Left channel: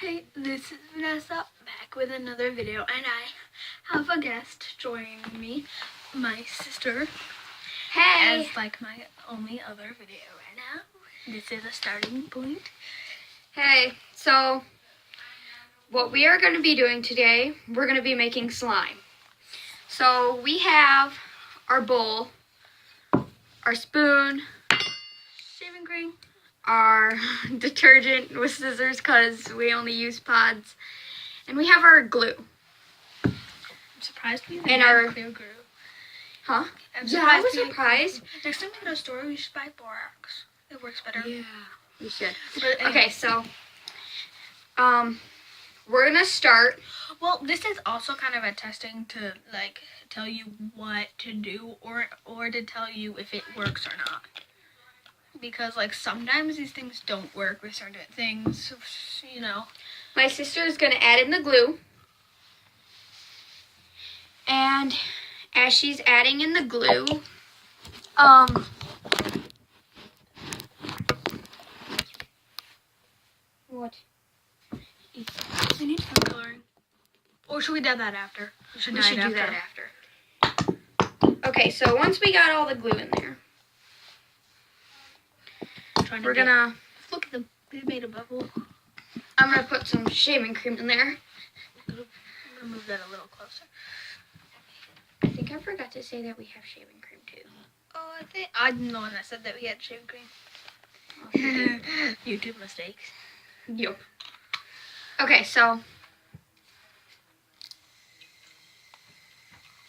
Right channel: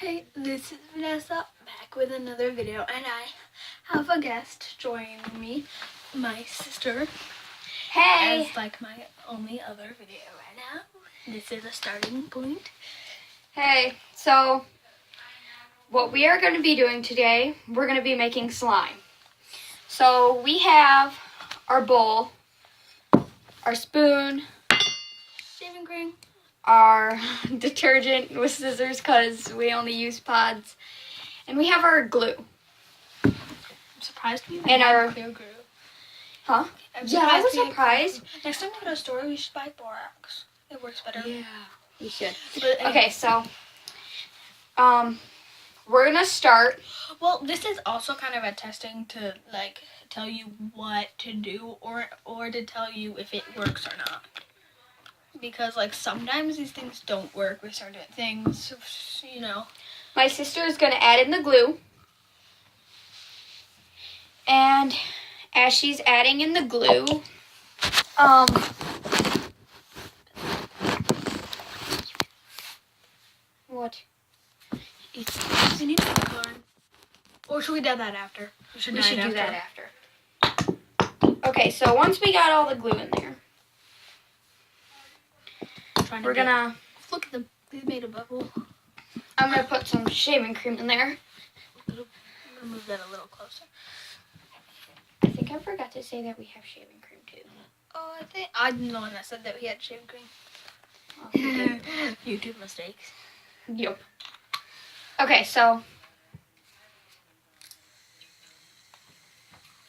Hey, this is Vanessa back with another video, and I have a guest joining me, my sister. Hey! As like my only other video right now. This is a starting point. Hey, so what we are going to be doing today, we're going to be making slime. So we have our bowl, our spoon, Shaving cream. our detergent with scissors because we only use pods, and we have our glue. I'm surprised we And had our- clear glue. Huh? I'm Yeah, I was we had- surprised. Next time we go to a store, we should buy borax. It works better. Yeah, we should. But anyway. Okay, so we're going to start. Well, this is also kind of a testing to like tell you what to do or to tell you if it works or not. Because like sometimes these things don't work with certain things, you know. My sister is going to add in the glue. And as she's adding in the glue, what? We need to learn. Or should we do that after? We should do that after. Okay, so once we got all the glue in there, we're gonna. Look at them. We made a bubble. I'm gonna put some shaving cream in there. I'm gonna move that a little closer. I think I forgot to say that we have shaving cream too. Oh, I think I'm the one that said that we had shaving cream. Oh, we did. YouTube mistakes. Yep. Okay, so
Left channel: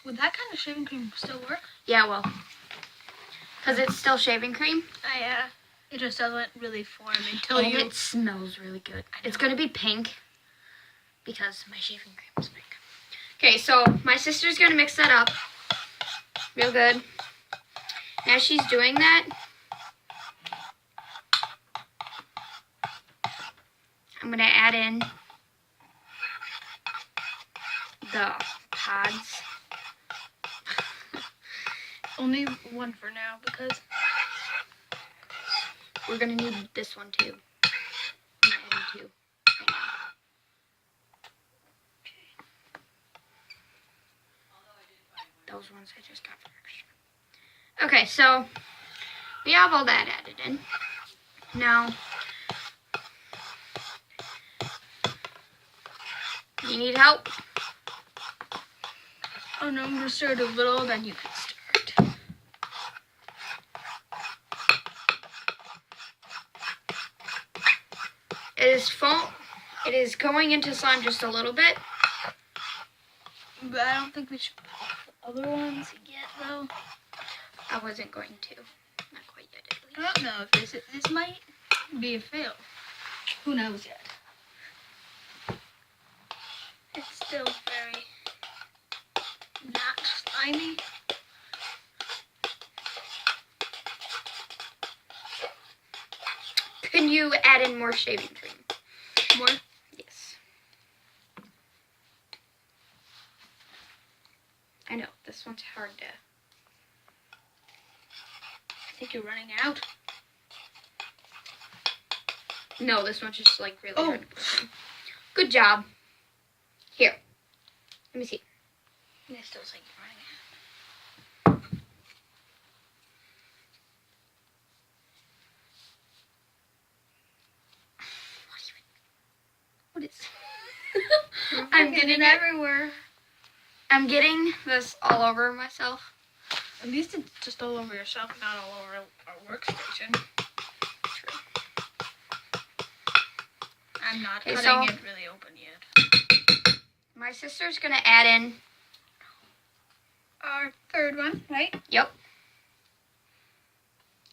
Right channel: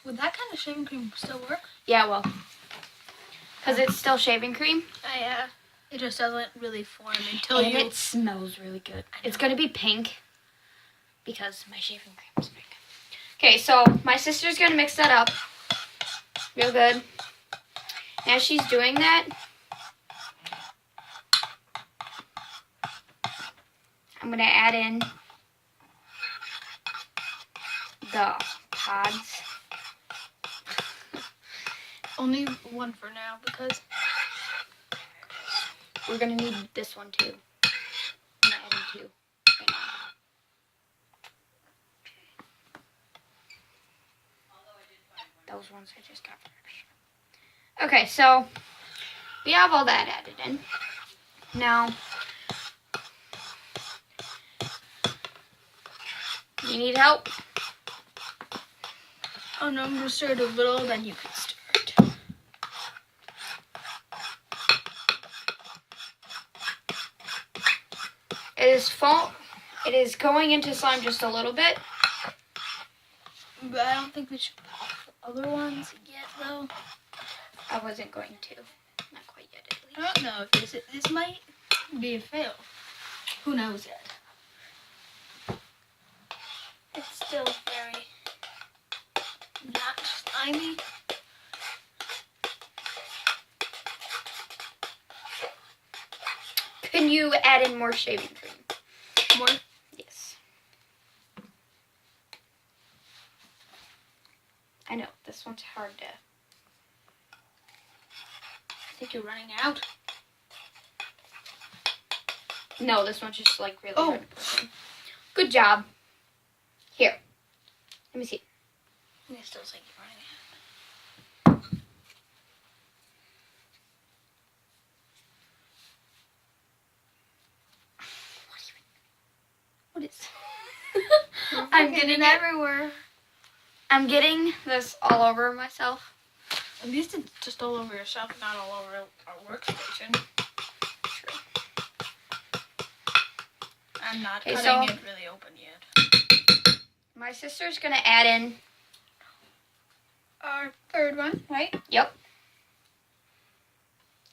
Would that kind of shaving cream still work? yeah, well, because it's still shaving cream. It just doesn't really form until And you. it smells really good. It's gonna be pink because my shaving cream is pink. Okay, so my sister's gonna mix that up real good. As she's doing that, I'm gonna add in the pods. Only one for now because We're gonna need this one too. I'm gonna add in two. Right now. Those ones I just got for extra. Okay, so we have all that added in. Now, you need help? oh no, I'm just stirred a little, then you can start. It is going into slime just a little bit. But I don't think we should put the other ones yet, though. I wasn't going to. Not quite yet, at least. I don't know if this might be a fail. Who knows yet? It's still very not slimy. Can you add in more shaving cream? More. Yes. I know, this one's hard to... I think you're running out. No, this one's just like really Oh. hard to put in. Good job. Here. Let me see. I still think you're running out. What is... I'm getting everywhere. I'm getting this all over myself. At least it's just all over yourself, not all over our workstation. I'm not Okay, cutting so- it really open yet. My sister's gonna add in... Our third one, right? Yep.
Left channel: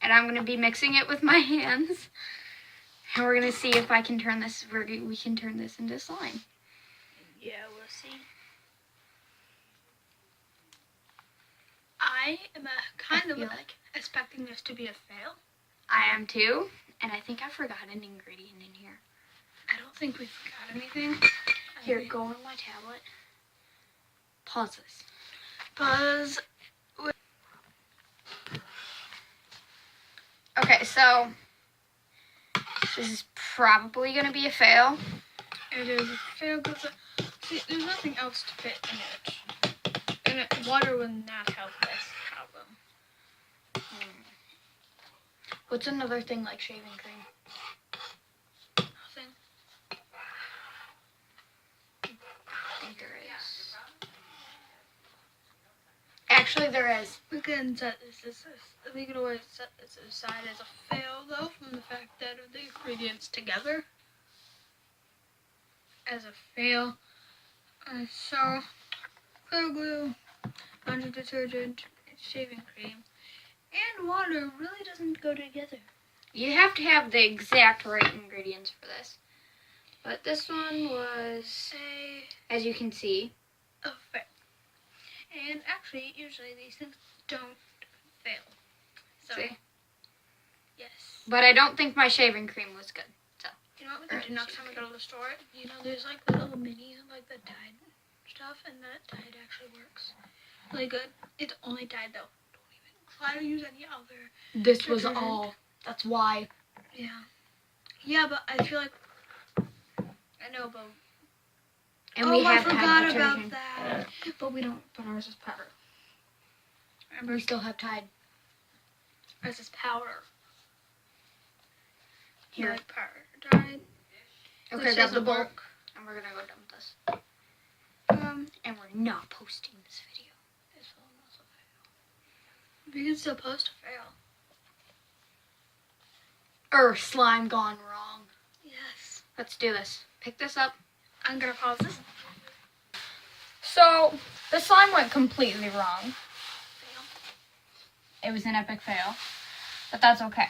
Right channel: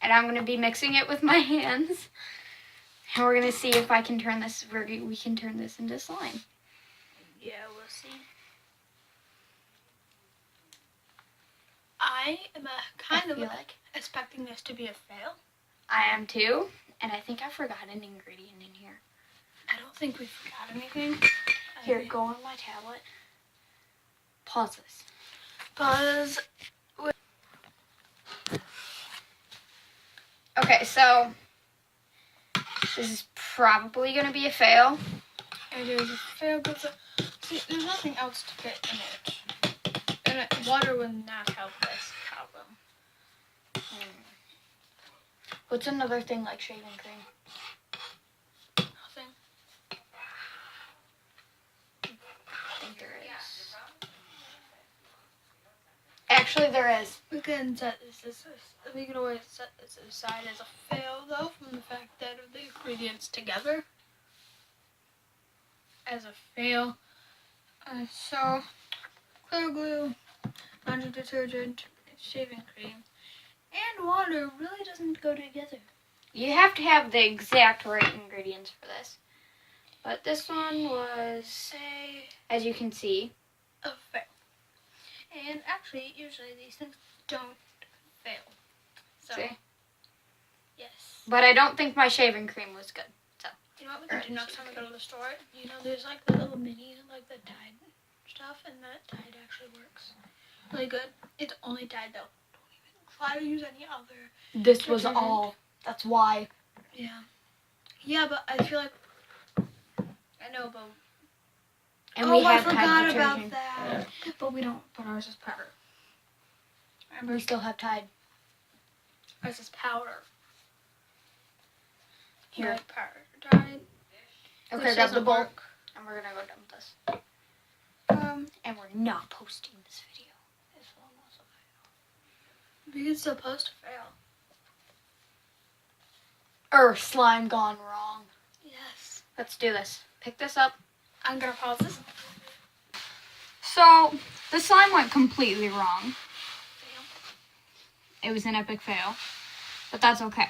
And I'm gonna be mixing it with my hands. And we're gonna see if I can turn this, we can turn this into slime. Yeah, we'll see. I am kind of feel like expecting this to be a fail. I am too. And I think I forgot an ingredient in here. I don't think we forgot anything. Here, go on my tablet. Pause this. Buzz. Okay, so this is probably going to be a fail. It is a fail because see, there's nothing else to fit in it, and water will not help this problem. What's another thing like shaving cream? Nothing. I think there is. Actually, there is. We can set this. We can always set this aside as a fail, though, from the fact that of the ingredients together. As a fail. So, clear glue, laundry detergent, shaving cream, and water really doesn't go together. You have to have the exact right ingredients for this. But this one was, as you can see, A fail. And actually, usually these things don't fail. So, see? yes. But I don't think my shaving cream was good. So, You know what we can do next time we go to the store? You know, there's like the little minis and like the Tide stuff, and that Tide actually works really good. It's only Tide though. Don't even try to use any other. this was Detergent. all. That's why. Yeah. Yeah, but I feel like I know, but And we I had forgot Tide about detergent. that. But we don't. But ours is powder. And we still have Tide. Ours is powder. Here. Like powder. Tide. Okay, Which grab the doesn't bowl. work. And we're gonna go done with this. And we're not posting this video. This one also failed. We can still post a fail. Slime gone wrong. Yes. Let's do this. Pick this up. I'm gonna pause this. So, the slime went completely wrong. It was an epic fail. But that's okay.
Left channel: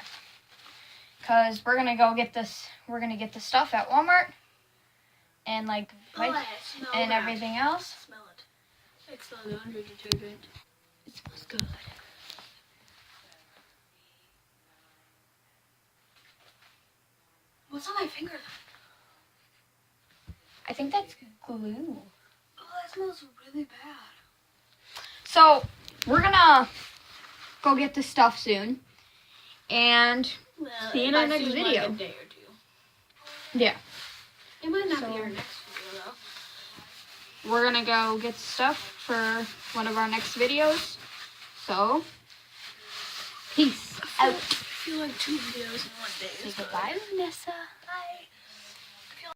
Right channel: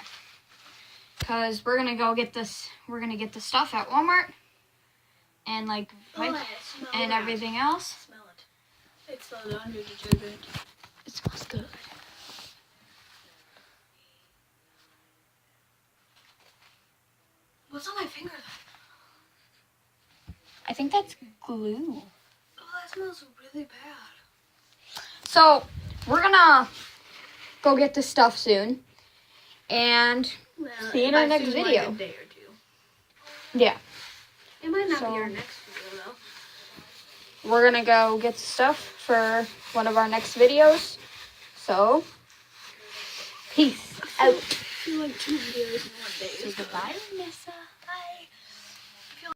Because we're gonna go get this, the stuff at Walmart. And like, and everything else. Smell it. It's the laundry detergent. It smells good. What's on my finger? I think that's glue. Oh, that smells really bad. So, we're gonna go get this stuff soon. And see you in our next video. Like a day or two. Yeah. It might not So- be our next video though. We're gonna go get stuff for one of our next videos. So, peace out. I feel like 2 videos in one day. Say goodbye, Nessa.